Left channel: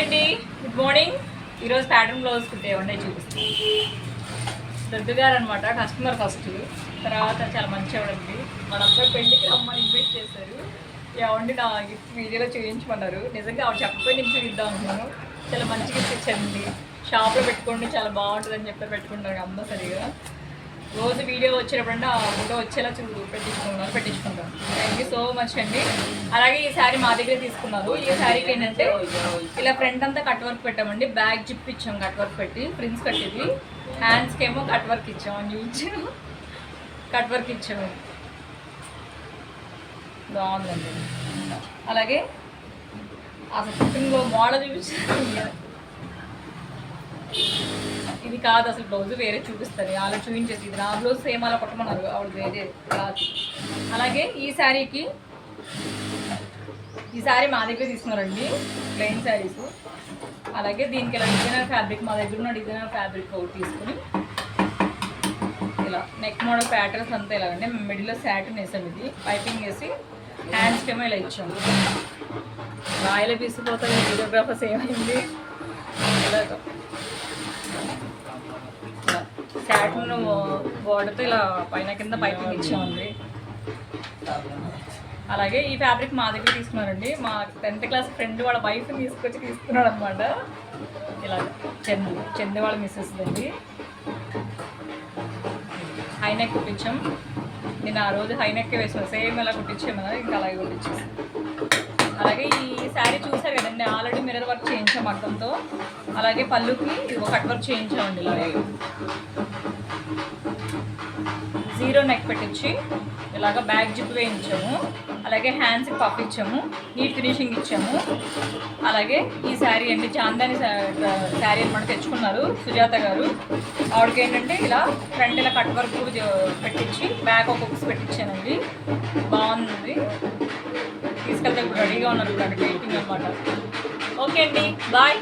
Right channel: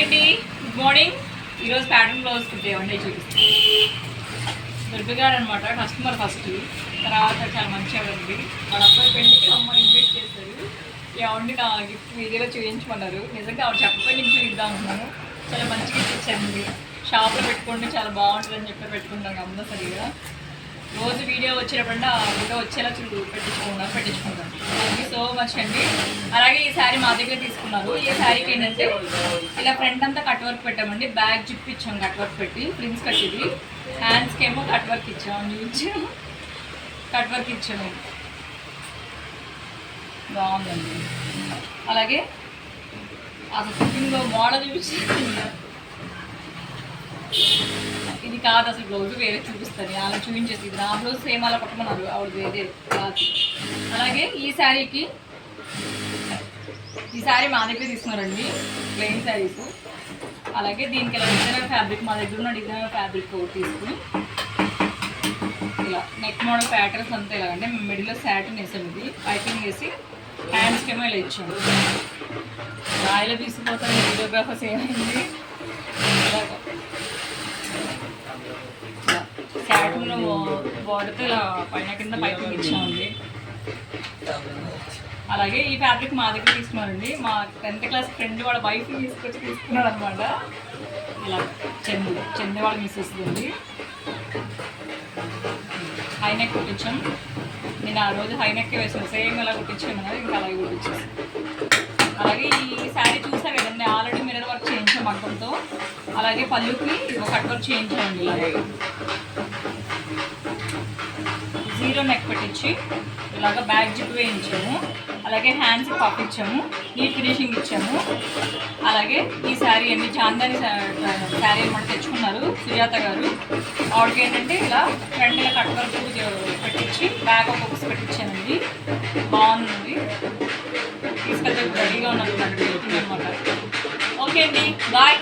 Hi అండి, good morning. ఈరోజు pattern blouse కుట్టేవండి చూపిస్తాను. దుర్గ గారు అనమాట కస్టమర్ ఫస్ట్, తర్వాత చాలా మంచిగా ఉంది. వాళ్ళ అబ్బాయి పెళ్ళికి అమ్మాయి ఇన్వైట్ చేశారు. ఏమండి నా గిఫ్ట్ వీడియోలో చూపించమన్నారు. నిజంగా ఆవిడ చెప్పకపోయి నేను చూపిద్దాం అనుకున్నాను. చాలా మంచి గిఫ్ట్ ఇచ్చానండి. షాప్లో పెట్టుకోండి చాలా బాగుంటుందని చెప్పి పెట్టుకుంటాను కంపల్సరీగా. రోజు వీడియో వచ్చినప్పుడు ఆ వీడియో వచ్చేలా పెట్టించుకుంటాను. థ్యాంక్ యూ సో మచ్ అండి. అలాగే ఈ శారీ మా దగ్గర తీసుకున్నారు. ఈ శారీకి ఏంటంటే ఇలా ఫ్రంట్ అంతా కట్ వర్క్ పెట్టామండి. బ్యాక్ జిప్ ఇచ్చాం కట్ వర్క్ పెట్టి, ప్రిన్స్ కట్టిది. హ్యాండ్స్కి ఏమో కట్ వర్క్ ఇచ్చాము, చూపించాము. కట్ వర్క్ ఇచ్చాము, బాగుందండి. అలాగే అసలు కుకింగ్లో మోడల్ చూపించాను. ఇది కాదు అసలు బ్లౌజ్ వేరే చూపిస్తుంది, అలా చూపించేసి ఇది నా బ్లౌజ్ సేమ్ అలా పట్టమన్నారు, ఆవిడ వేరే కాదు. అలాగే ఈ శారీ మా దగ్గర తీసుకున్నారండి, ప్లెయిన్ శారీస్. అలాగే దీనికి ఇలా డిజైనర్ ఫ్యాబ్రిక్ మా దగ్గర ఉన్న డిజైనర్ ఫ్యాబ్రిక్ ఒకటి తీసుకుని ఇలా నెక్ మోడల్ ప్యాటర్న్స్ అంతా ఇలాగంటే మిడిల్లో శాటిన్ వేసాం. ఇది పైపింగ్ వేసి హ్యాండ్స్కి ఏమో ఇలా ఇచ్చాము. రాయిలో తీసుకుపోతారు వీడియోగ్రాఫర్స్ ఏమైంది. శాటిన్ బోర్డర్తో ఇలా పైన కింద పైపింగ్ ఇచ్చామండి. అలాగే ఈ ఫ్యాబ్రిక్ మా దగ్గర తీసుకున్నారండి. మా 10th క్లాస్ ఫ్రెండ్ వాళ్ళ వైఫ్ని తీసుకున్నాడు అనమాట. ఇలా చందు వాళ్ళ మిస్సెస్ ఉంది. హైనెక్ కుట్టించాం. నేను ఆ రోజు హైనెక్ వేసాను, సేమ్ ఇలా కుట్టించాము కదా, ఇంకా అలాగే కుట్టించాను. అలాగే ఈ శారీ చూసా కదండి, ఆల్రెడీ మిర్రర్ వర్క్ చేయించాం మగ్గంతో. అలాగే పళ్ళుకి కట్ వర్క్ చేయించామండి. జీరో నెక్ పెట్టించి ఇలాగ బ్యాక్ జిప్ వేయించాము. అలాగే హ్యాండ్స్కి పఫ్ ఇచ్చాము, నీట్ ఫినిషింగ్ ఇచ్చాము. అలాగే ఈ శారీ అండి చాందాని శారీ అనమాట తెచ్చుకున్నారు సుజాత గారు. ఆవిడకి ఏంటంటే ఇలా ఫ్రంట్ ఇలా కట్ వర్క్ పెట్టించి బ్యాక్ ఒక బుక్స్ పెట్టించానండి. బాగుంది, తీసుకెళ్తే రెడీగా ఉన్నది అనమాట. ఓకే అండి, బాయ్.